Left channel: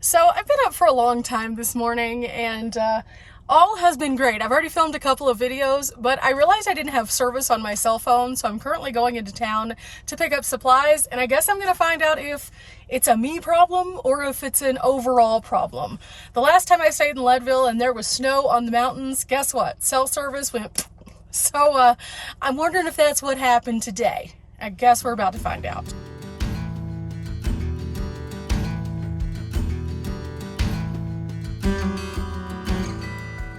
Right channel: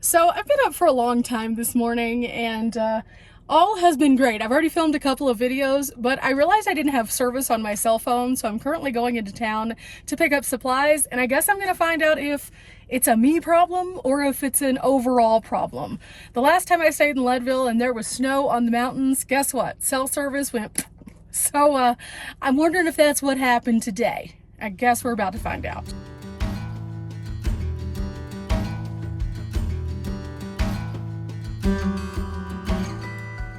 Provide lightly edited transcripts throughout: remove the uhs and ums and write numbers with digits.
So I've been up for a long time this morning and all has been great. I've already filmed a couple of videos, but I realized I didn't have service on my cell phone, so I'm currently going into town to pick up supplies, and I guess I'm going to find out if it's a me problem or if it's an overall problem. The last time I stayed in Leadville and there was snow on the mountains, guess what? Cell service went. So I'm wondering if that's what happened today. I guess we're about to find out.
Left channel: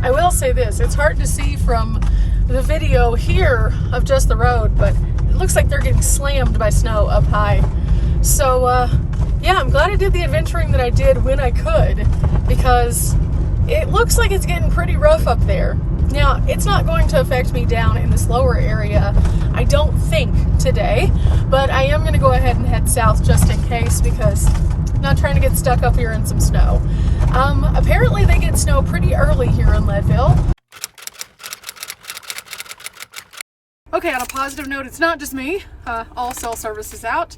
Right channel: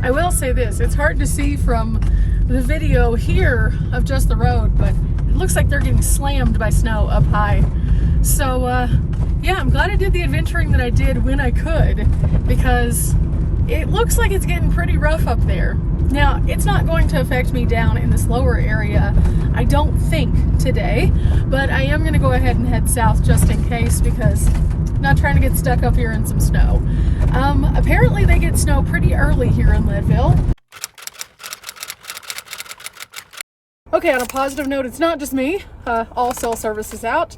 I will say this, it's hard to see from the video here of just the road, but it looks like they're getting slammed by snow up high. So yeah, I'm glad I did the adventuring that I did when I could, because it looks like it's getting pretty rough up there. Now, it's not going to affect me down in this lower area, I don't think, today, but I am going to go ahead and head south just in case, because I'm not trying to get stuck up here in some snow. Apparently they get snow pretty early here in Leadville. Okay, on a positive note, it's not just me. All cell service is out.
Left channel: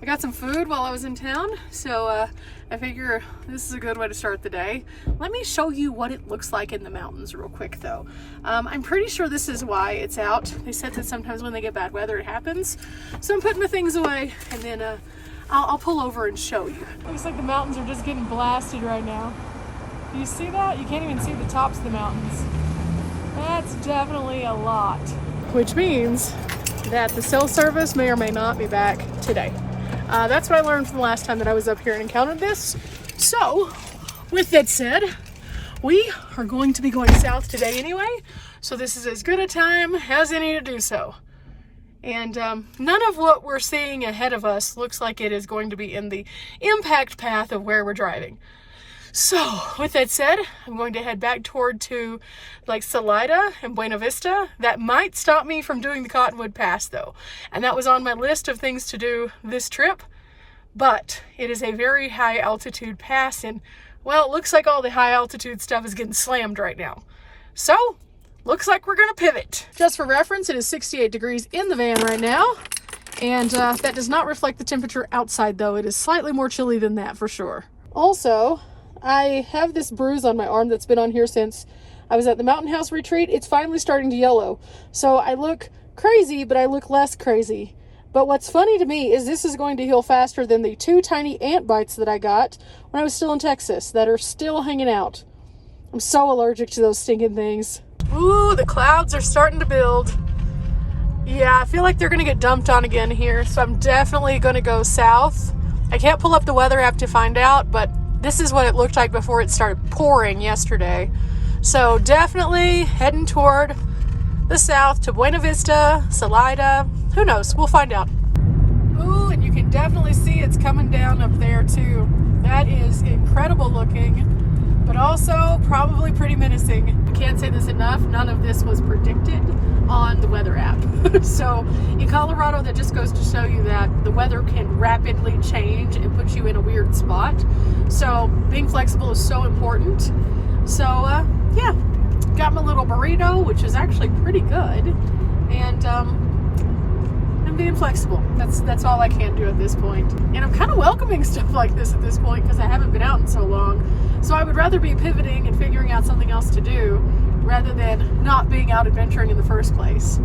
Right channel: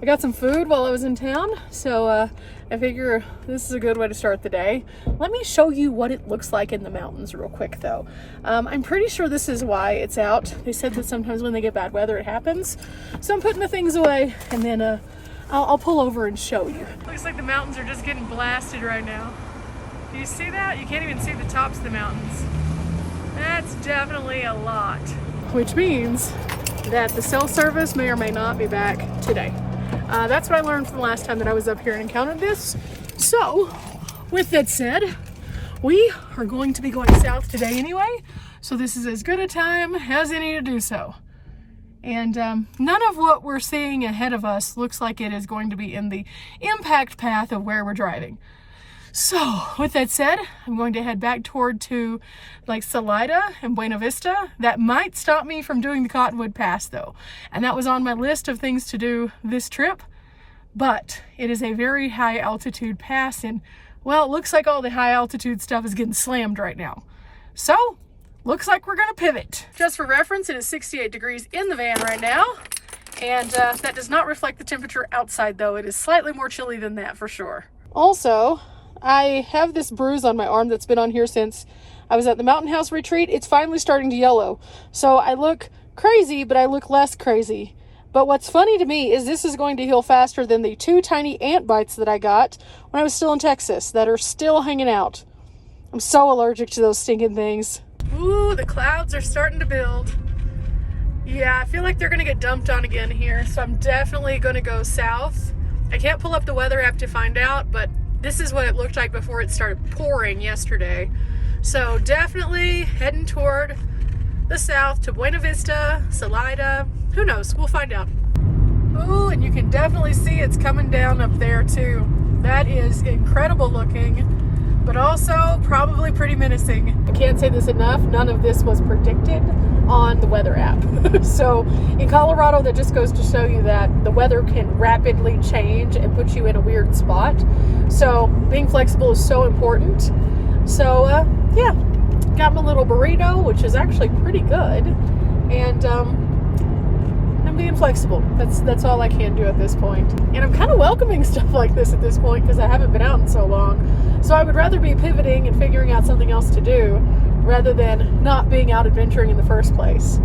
I got some food while I was in town, so I figure this is a good way to start the day. Let me show you what it looks like in the mountains real quick though. I'm pretty sure this is why it's out. They said that sometimes when they get bad weather it happens. So I'm putting the things away and then I'll pull over and show you. Looks like the mountains are just getting blasted right now. Do you see that? You can't even see the tops of the mountains. That's definitely a lot. Which means that the cell service may or may not be back today. That's what I learned from the last time that I was up here and encountered this. So, with that said, we are going to be going south today anyway. So this is as good a time as any to do so. And none of what we're seeing ahead of us looks like it is going to be in the impact path of where we're driving. So with that said, I'm going to head back toward to like Salida and Buena Vista. That might stop me from doing the Cottonwood Pass though. And that was on my list of things to do this trip. But it is a very high altitude pass and well, it looks like all the high altitude stuff is getting slammed right now. So looks like we're gonna pivot. Just for reference, it is 68 degrees in the van right now. And that does not reflect the temperature outside though. It is slightly more chilly than that for sure. Also, I have this bruise on my arm that's been on here since I was at the Mountain House retreat. It's finally starting to yellow. So I look crazy, but I look less crazy. But what's funny to me is this is going to heal faster than the 2 tiny ant bites that I got when I was still in Texas that are still hanging out. I'm so allergic to those stinking things. Ooh, the clouds are starting to build. Yeah, I feel like they're gonna get dumped on again here, so I'm definitely gonna go south. I can't pull up the weather app to find out, but this is what it looked like before it started pouring yesterday. So definitely heading toward the south to Buena Vista, Salida. Who knows? We'll find out. Ooh, and you can definitely see it's coming down up there too. That is incredible looking, but also probably pretty menacing. I can't say this enough. None of this was predicted on the weather app. So in Colorado, that just goes to show you that the weather can rapidly change and put you in a weird spot. So being flexible is so important. So yeah, got my little burrito, which is actually pretty good. And I'm being flexible. That's all I can do at this point. And I'm kind of welcoming stuff like this at this point because I haven't been out in so long. So I would rather be pivoting and figuring out something else to do rather than not being out adventuring in the first place.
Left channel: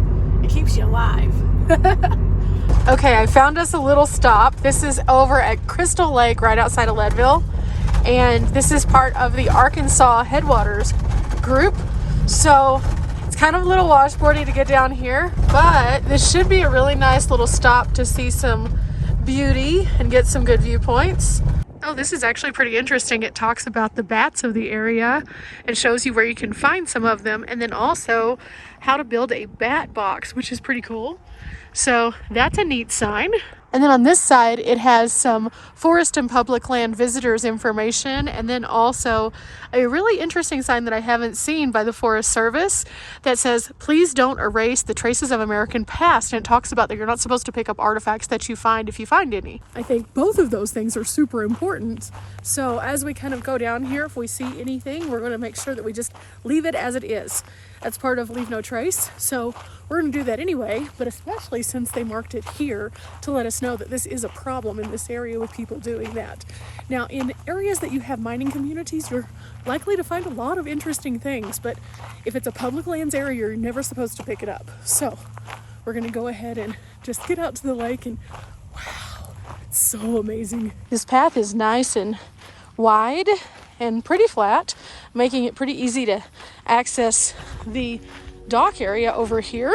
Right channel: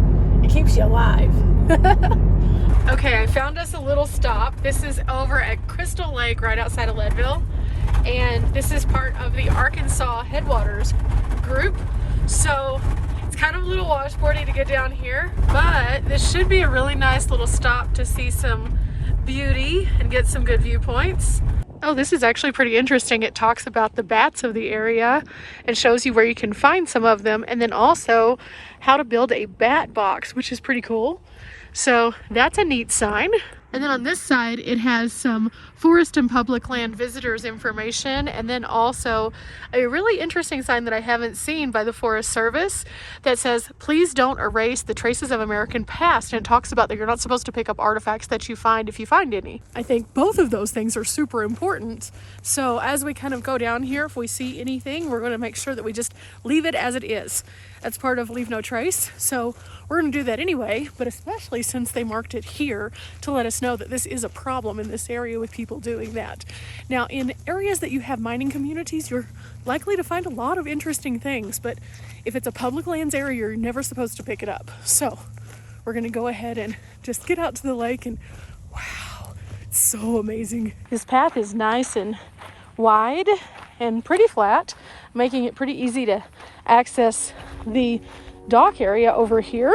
It keeps you alive. Okay, I found us a little stop. This is over at Crystal Lake right outside of Leadville. And this is part of the Arkansas Headwaters group. So it's kind of a little washboardy to get down here, but this should be a really nice little stop to see some beauty and get some good viewpoints. Oh, this is actually pretty interesting. It talks about the bats of the area and shows you where you can find some of them, and then also how to build a bat box, which is pretty cool. So that's a neat sign. And then on this side, it has some forest and public land visitors information, and then also a really interesting sign that I haven't seen by the Forest Service that says, please don't erase the traces of American past. And it talks about that you're not supposed to pick up artifacts that you find if you find any. I think both of those things are super important. So as we kind of go down here, if we see anything, we're going to make sure that we just leave it as it is. That's part of Leave No Trace. So we're gonna do that anyway, but especially since they marked it here to let us know that this is a problem in this area with people doing that. Now, in areas that you have mining communities, you're likely to find a lot of interesting things, but if it's a public lands area, you're never supposed to pick it up. So we're gonna go ahead and just get out to the lake, and wow, it's so amazing. This path is nice and wide and pretty flat, making it pretty easy to access the dock area over here.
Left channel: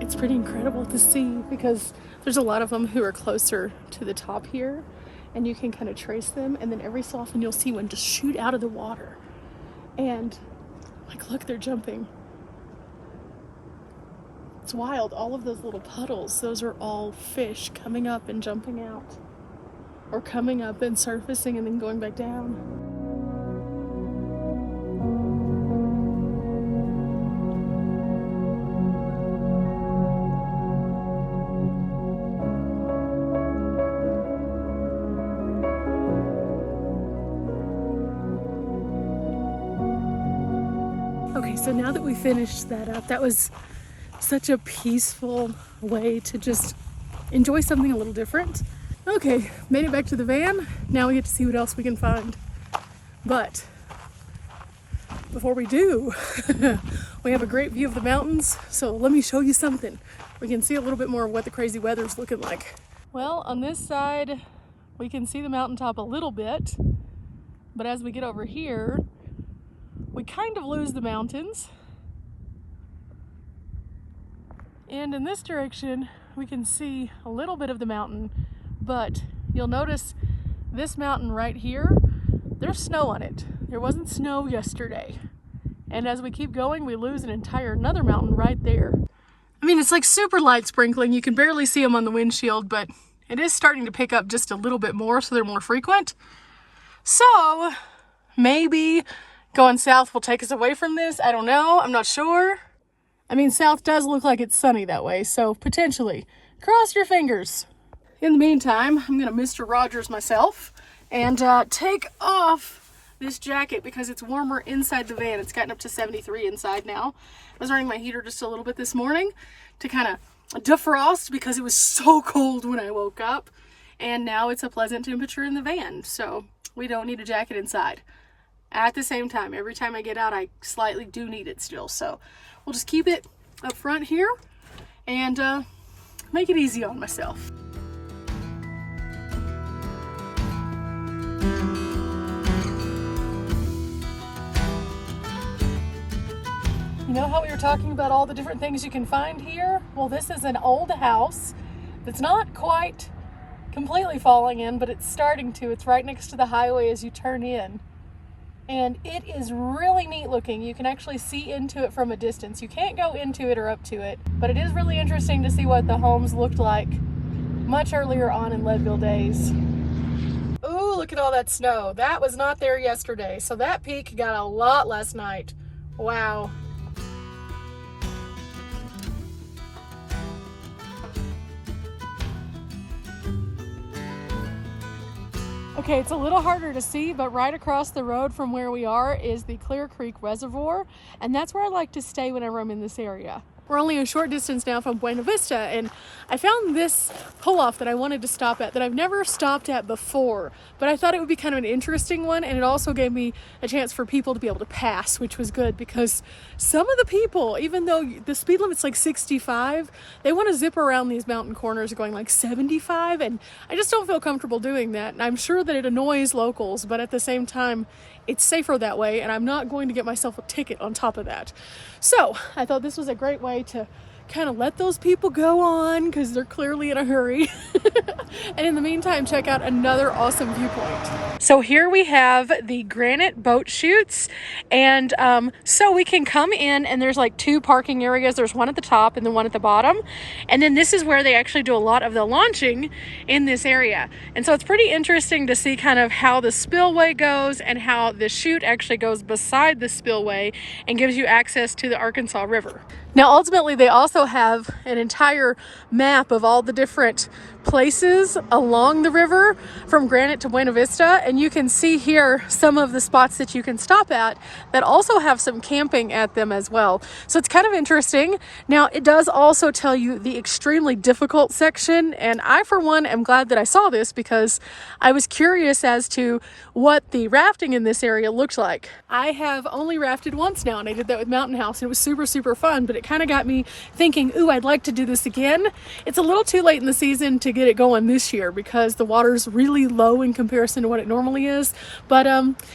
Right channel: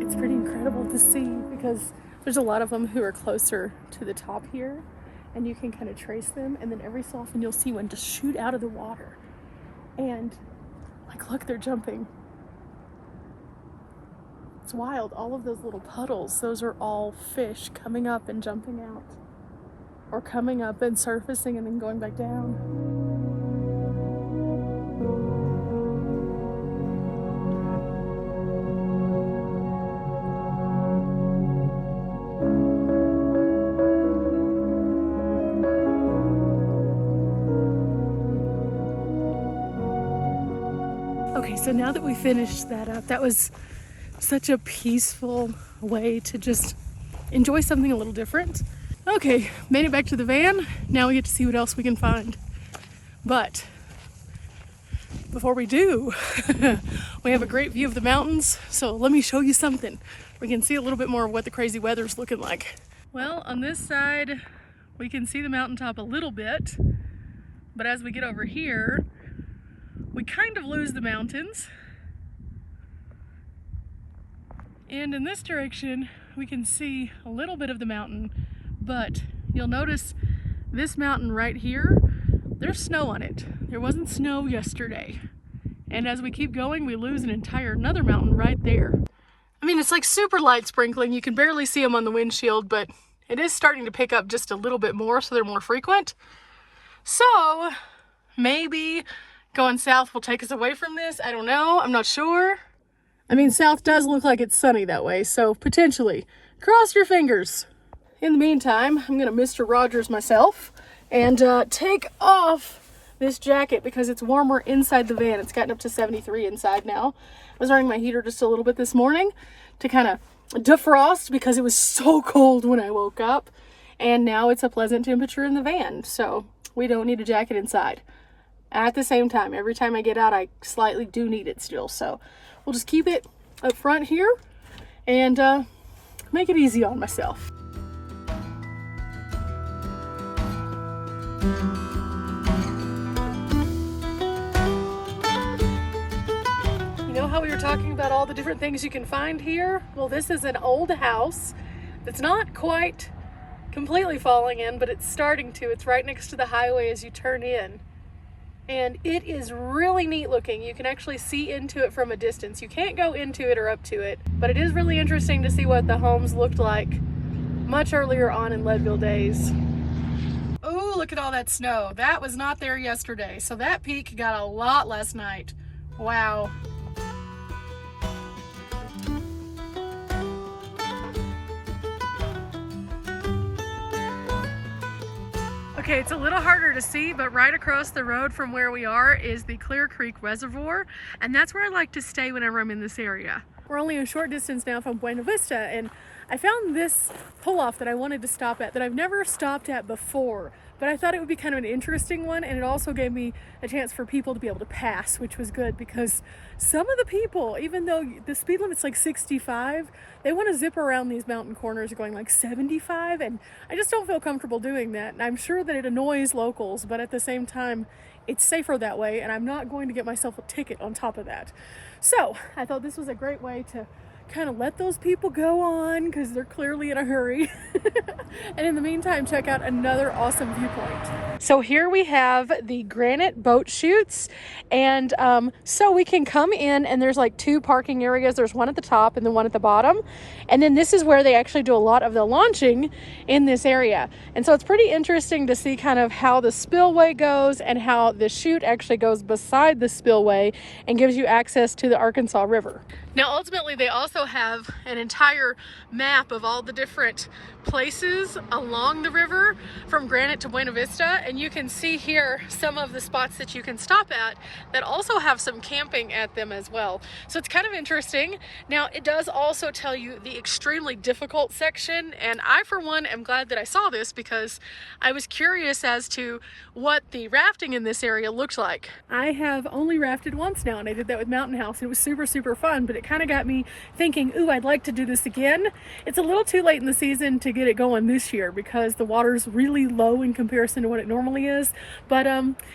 It's pretty incredible to see because there's a lot of them who are closer to the top here, and you can kind of trace them, and then every so often you'll see one just shoot out of the water, and like, look, they're jumping. It's wild. All of those little puddles, those are all fish coming up and jumping out, or coming up and surfacing and then going back down. Okay, so now that we finished that up, that was such a peaceful way to just enjoy something a little different. Okay, made it back to the van. Now we get to see what else we can find. But before we do, we have a great view of the mountains. So let me show you something. We can see a little bit more of what the crazy weather's looking like. Well, on this side, we can see the mountaintop a little bit. But as we get over here, we kind of lose the mountains. And in this direction, we can see a little bit of the mountain, but you'll notice this mountain right here, there's snow on it. There wasn't snow yesterday. And as we keep going, we lose another mountain right there. I mean, it's like super light sprinkling. You can barely see them on the windshield, but it is starting to pick up just a little bit more, so they're more frequent. So maybe going south will take us away from this. I don't know. I'm not sure. I mean, south does look like it's sunny that way, so potentially. Cross your fingers. In the meantime, I'm going to Mr. Rogers myself and take off this jacket because it's warmer inside the van. It's gotten up to 73 inside now. I was running my heater just a little bit this morning to kind of defrost because it was so cold when I woke up. And now it's a pleasant temperature in the van, so we don't need a jacket inside. At the same time, every time I get out, I slightly do need it still. So we'll just keep it up front here and make it easy on myself. You know how we were talking about all the different things you can find here? Well, this is an old house that's not quite completely falling in, but it's starting to. It's right next to the highway as you turn in. And it is really neat looking. You can actually see into it from a distance. You can't go into it or up to it, but it is really interesting to see what the homes looked like much earlier on in Leadville days. Oh, look at all that snow. That was not there yesterday. So that peak got a lot last night. Wow. Okay, it's a little harder to see, but right across the road from where we are is the Clear Creek Reservoir, and that's where I like to stay whenever I'm in this area. We're only a short distance now from Buena Vista, and I found this pull-off that I wanted to stop at that I've never stopped at before, but I thought it would be kind of an interesting one, and it also gave me a chance for people to be able to pass, which was good because some of the people, even though the speed limit's like 65, they want to zip around these mountain corners going like 75, and I just don't feel comfortable doing that. And I'm sure that it annoys locals, but at the same time, it's safer that way, and I'm not going to get myself a ticket on top of that. So I thought this was a great way to kind of let those people go on because they're clearly in a hurry. And in the meantime, check out another awesome viewpoint. So here we have the granite boat chutes, and so we can come in, and there's like two parking areas. There's one at the top and then one at the bottom, and then this is where they actually do a lot of the launching in this area. And so it's pretty interesting to see kind of how the spillway goes and how the chute actually goes beside the spillway and gives you access to the Arkansas River. Now, ultimately, they also have an entire map of all the different places along the river from Granite to Buena Vista, and you can see here some of the spots that you can stop at that also have some camping at them as well. So it's kind of interesting. Now, it does also tell you the extremely difficult section, and I, for one, am glad that I saw this because I was curious as to what the rafting in this area looked like. I have only rafted once now, and I did that with Mountain House, and it was super, super fun, but it kind of got me thinking, ooh, I'd like to do this again. It's a little too late in the season to get it going this year because the water's really low in comparison to what it normally is, but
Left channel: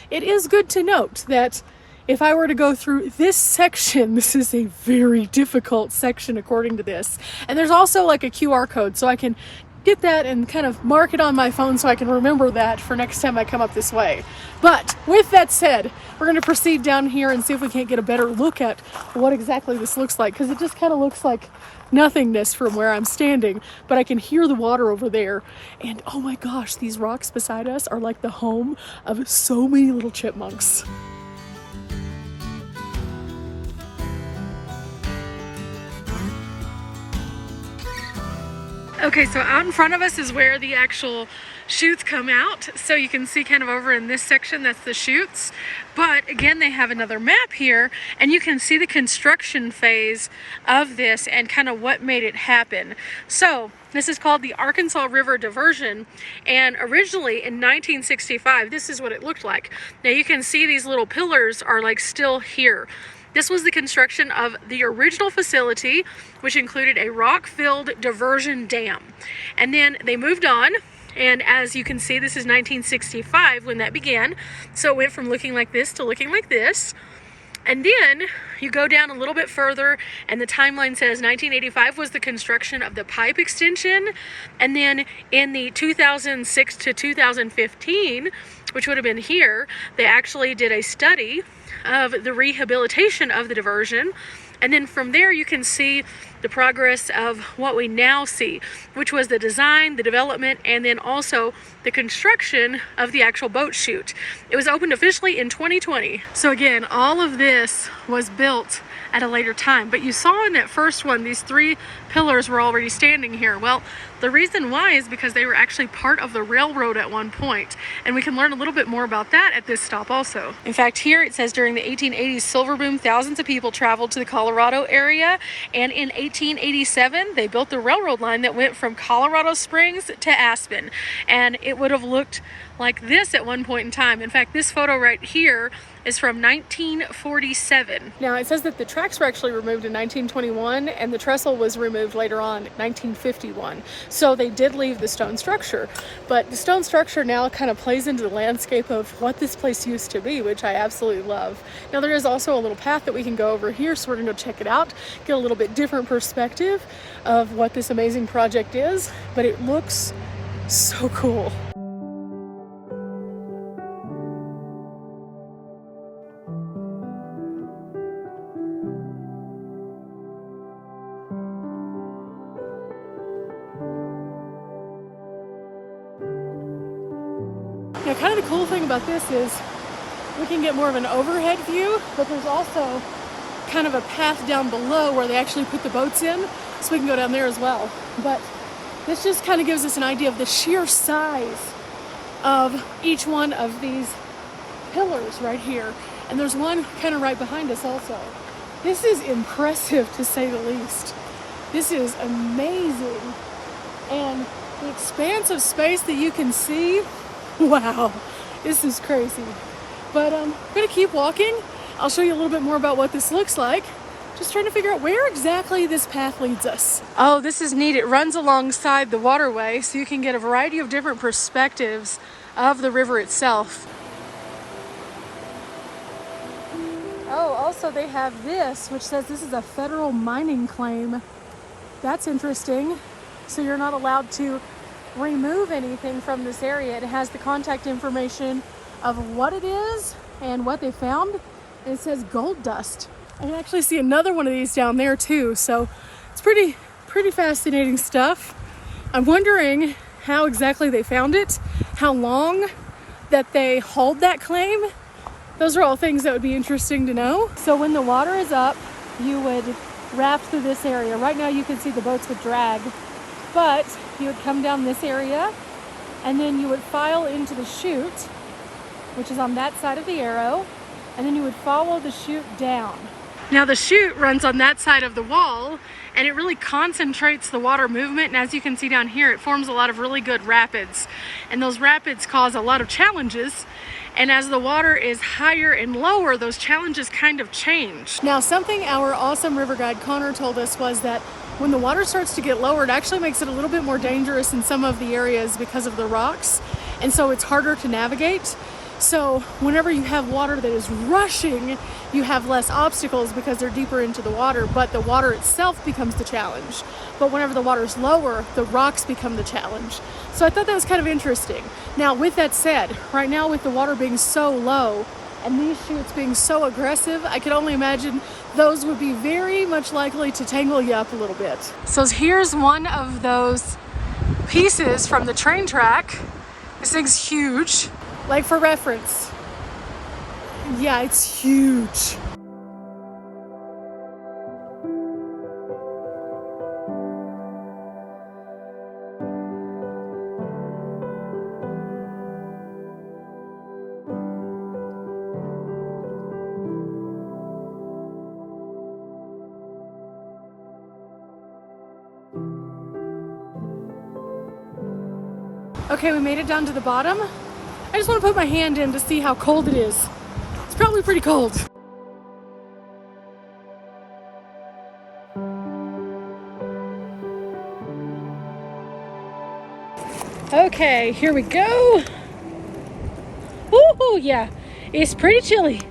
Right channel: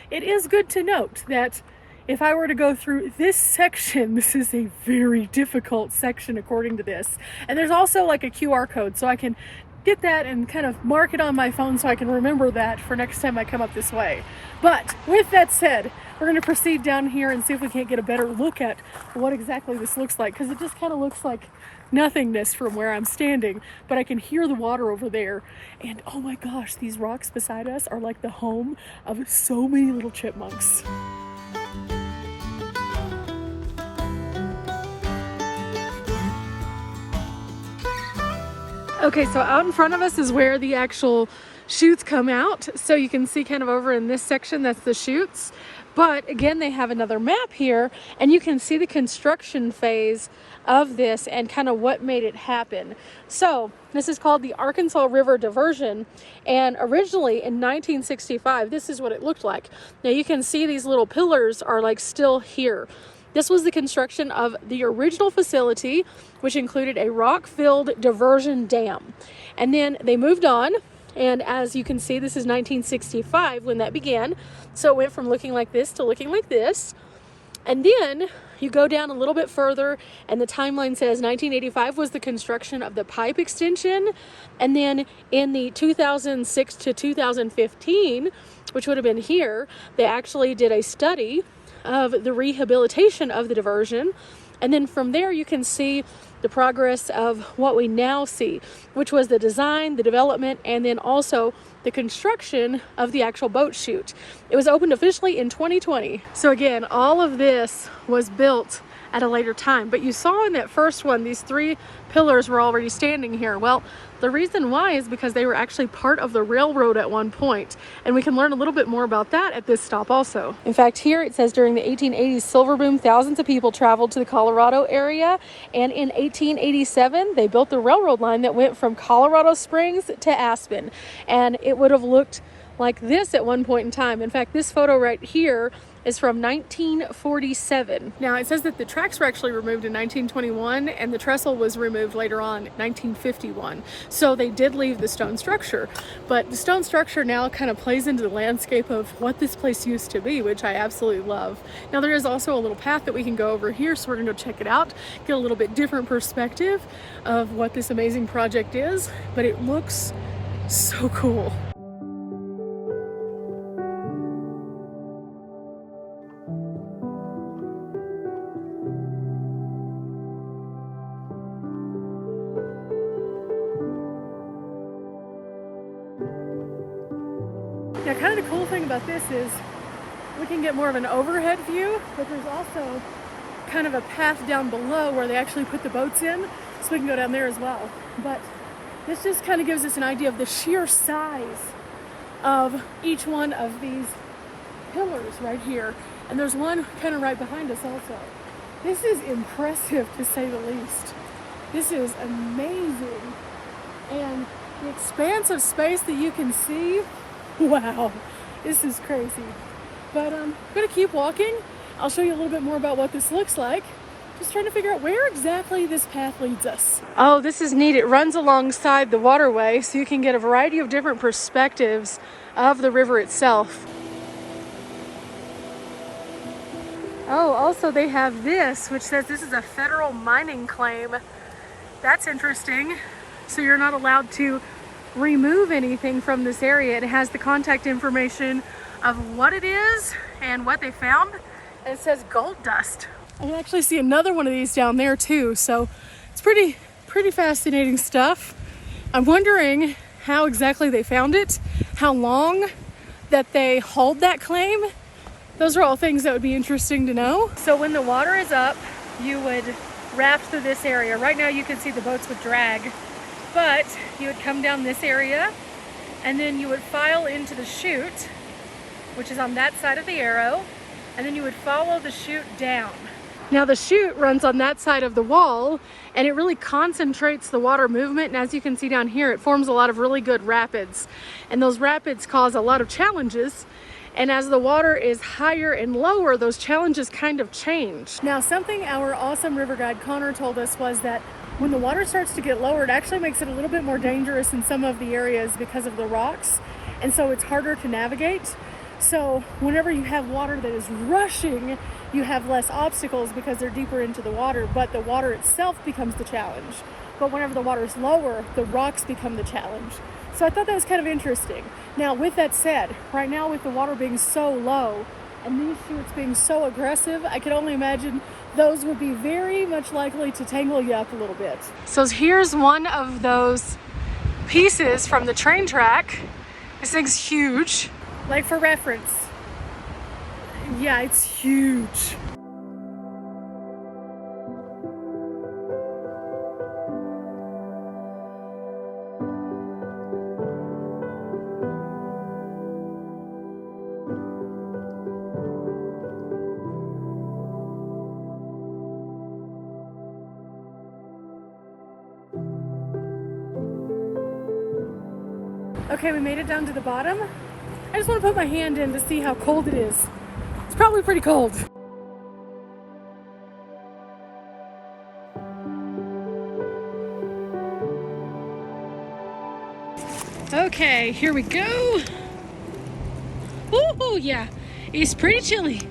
it is good to note that if I were to go through this section, this is a very difficult section according to this. And there's also like a QR code, so I can get that and kind of mark it on my phone so I can remember that for next time I come up this way. But with that said, we're going to proceed down here and see if we can't get a better look at what exactly this looks like, because it just kind of looks like nothingness from where I'm standing, but I can hear the water over there. And oh my gosh, these rocks beside us are like the home of so many little chipmunks. Okay, so out in front of us is where the actual chutes come out. So you can see kind of over in this section, that's the chutes. But again, they have another map here, and you can see the construction phase of this and kind of what made it happen. So this is called the Arkansas River Diversion, and originally in 1965, this is what it looked like. Now you can see these little pillars are like still here. This was the construction of the original facility, which included a rock-filled diversion dam. And then they moved on, and as you can see, this is 1965 when that began. So it went from looking like this to looking like this. And then you go down a little bit further, and the timeline says 1985 was the construction of the pipe extension. And then in the 2006 to 2015, which would have been here, they actually did a study of the rehabilitation of the diversion. And then from there you can see the progress of what we now see, which was the design, the development, and then also the construction of the actual boat chute. It was opened officially in 2020. So again, all of this was built at a later time, but you saw in that first one, these three pillars were already standing here. Well, the reason why is because they were actually part of the railroad at one point, and we can learn a little bit more about that at this stop also. In fact, here it says during the 1880s silver boom, thousands of people traveled to the Colorado area, and in 1887 they built the railroad line that went from Colorado Springs to Aspen, and it would have looked like this at one point in time. In fact, this photo right here is from 1947. Now it says that the tracks were actually removed in 1921 and the trestle was removed later on in 1951. So they did leave the stone structure, but the stone structure now kind of plays into the landscape of what this place used to be, which I absolutely love. Now there is also a little path that we can go over here, so we're gonna go check it out, get a little bit different perspective of what this amazing project is, but it looks so cool. Now, kind of the cool thing about this is we can get more of an overhead view, but there's also kind of a path down below where they actually put the boats in, so we can go down there as well. But this just kind of gives us an idea of the sheer size of each one of these pillars right here. And there's one kind of right behind us also. This is impressive to say the least. This is amazing. And the expanse of space that you can see, wow, this is crazy. But I'm gonna keep walking. I'll show you a little bit more about what this looks like. Just trying to figure out where exactly this path leads us. Oh, this is neat. It runs alongside the waterway, so you can get a variety of different perspectives of the river itself. Oh, also they have this, which says this is a federal mining claim. That's interesting. So you're not allowed to remove anything from this area. It has the contact information of what it is and what they found, and it says gold dust. I can actually see another one of these down there too, so it's pretty fascinating stuff. I'm wondering how exactly they found it, how long that they hold that claim. Those are all things that would be interesting to know. So when the water is up, you would raft through this area. Right now you can see the boats would drag, but you would come down this area and then you would file into the chute, which is on that side of the arrow, and then you would follow the chute down. Now the chute runs on that side of the wall, and it really concentrates the water movement, and as you can see down here, it forms a lot of really good rapids, and those rapids cause a lot of challenges, and as the water is higher and lower, those challenges kind of change. Now something our awesome river guide Connor told us was that when the water starts to get lower, it actually makes it a little bit more dangerous in some of the areas because of the rocks, and so it's harder to navigate. So whenever you have water that is rushing, you have less obstacles because they're deeper into the water, but the water itself becomes the challenge. But whenever the water is lower, the rocks become the challenge. So I thought that was kind of interesting. Now, with that said, right now with the water being so low and these chutes being so aggressive, I could only imagine those would be very much likely to tangle you up a little bit. So here's one of those pieces from the train track. This thing's huge. Like for reference, yeah, it's huge. Okay, we made it down to the bottom. I just want to put my hand in to see how cold it is. It's probably pretty cold. Okay, here we go. Ooh, yeah, it's pretty chilly.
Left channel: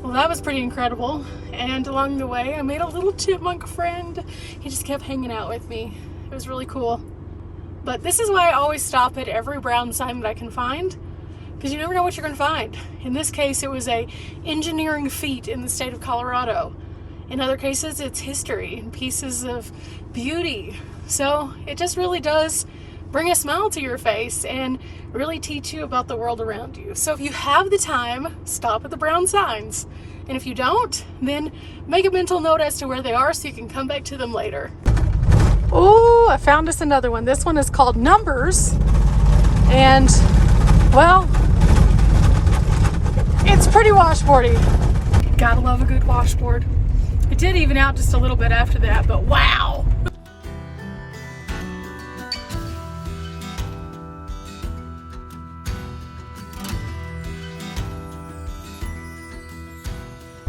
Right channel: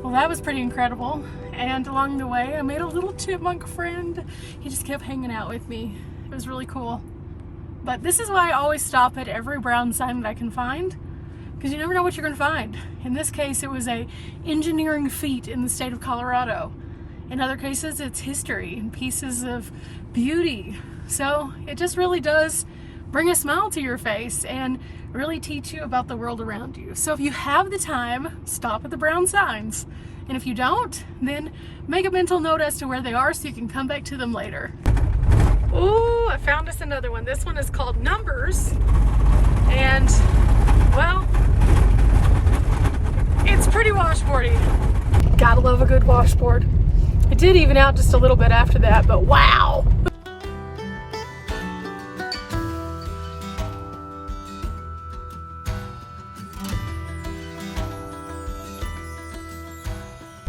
Well, that was pretty incredible. And along the way, I made a little chipmunk friend. He just kept hanging out with me. It was really cool. But this is why I always stop at every brown sign that I can find, because you never know what you're going to find. In this case, it was a engineering feat in the state of Colorado. In other cases, it's history and pieces of beauty. So it just really does bring a smile to your face and really teach you about the world around you. So if you have the time, stop at the brown signs. And if you don't, then make a mental note as to where they are so you can come back to them later. Oh, I found us another one. This one is called Numbers. And, well, it's pretty washboardy. Gotta love a good washboard. It did even out just a little bit after that, but wow!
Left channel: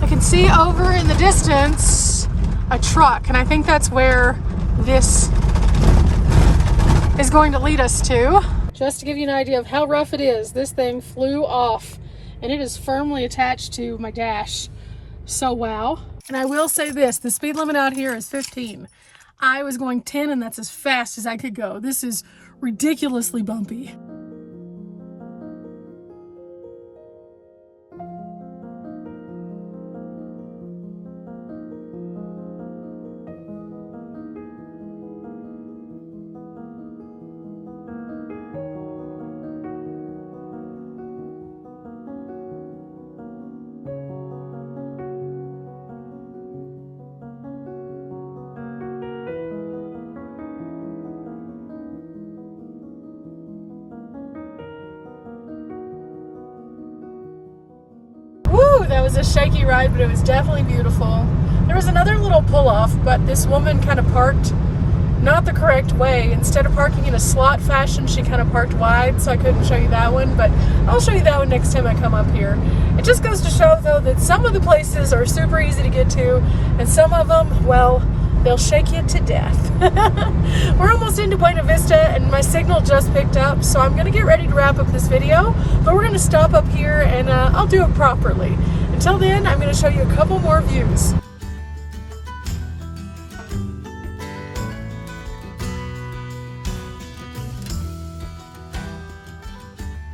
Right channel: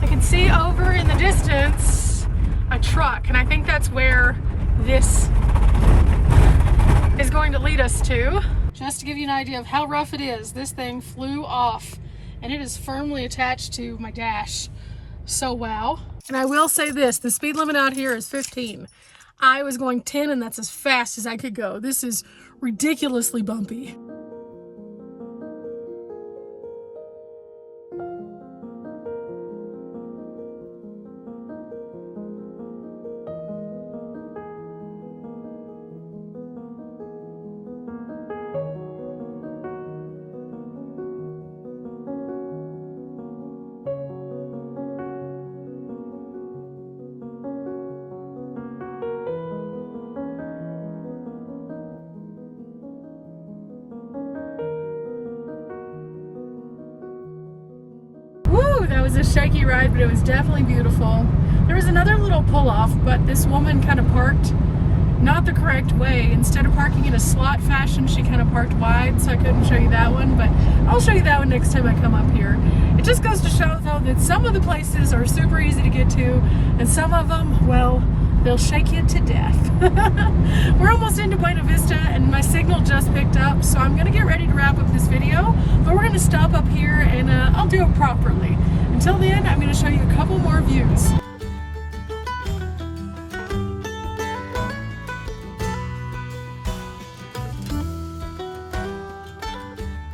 I can see over in the distance a truck, and I think that's where this is going to lead us to. Just to give you an idea of how rough it is, this thing flew off and it is firmly attached to my dash. So wow. And I will say this, the speed limit out here is 15. I was going 10 and that's as fast as I could go. This is ridiculously bumpy. That was a shaky ride, but it was definitely beautiful. There was another little pull-off, but this woman kind of parked not the correct way. Instead of parking in a slot fashion, she kind of parked wide, so I couldn't show you that one, but I'll show you that one next time I come up here. It just goes to show, though, that some of the places are super easy to get to, and some of them, well, they'll shake you to death. We're almost into Buena Vista, and my signal just picked up, so I'm gonna get ready to wrap up this video, but we're gonna stop up here and I'll do it properly. Until then, I'm gonna show you a couple more views.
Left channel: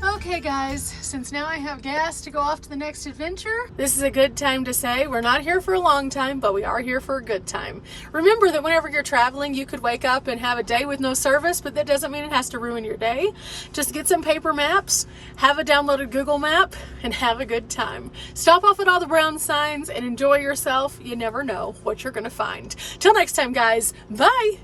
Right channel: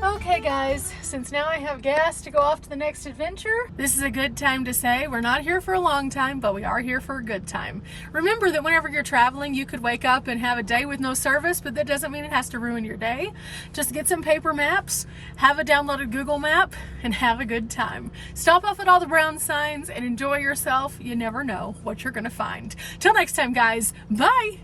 Okay guys, since now I have gas to go off to the next adventure, this is a good time to say we're not here for a long time, but we are here for a good time. Remember that whenever you're traveling, you could wake up and have a day with no service, but that doesn't mean it has to ruin your day. Just get some paper maps, have a downloaded Google map, and have a good time. Stop off at all the brown signs and enjoy yourself. You never know what you're gonna find. Till next time guys, bye!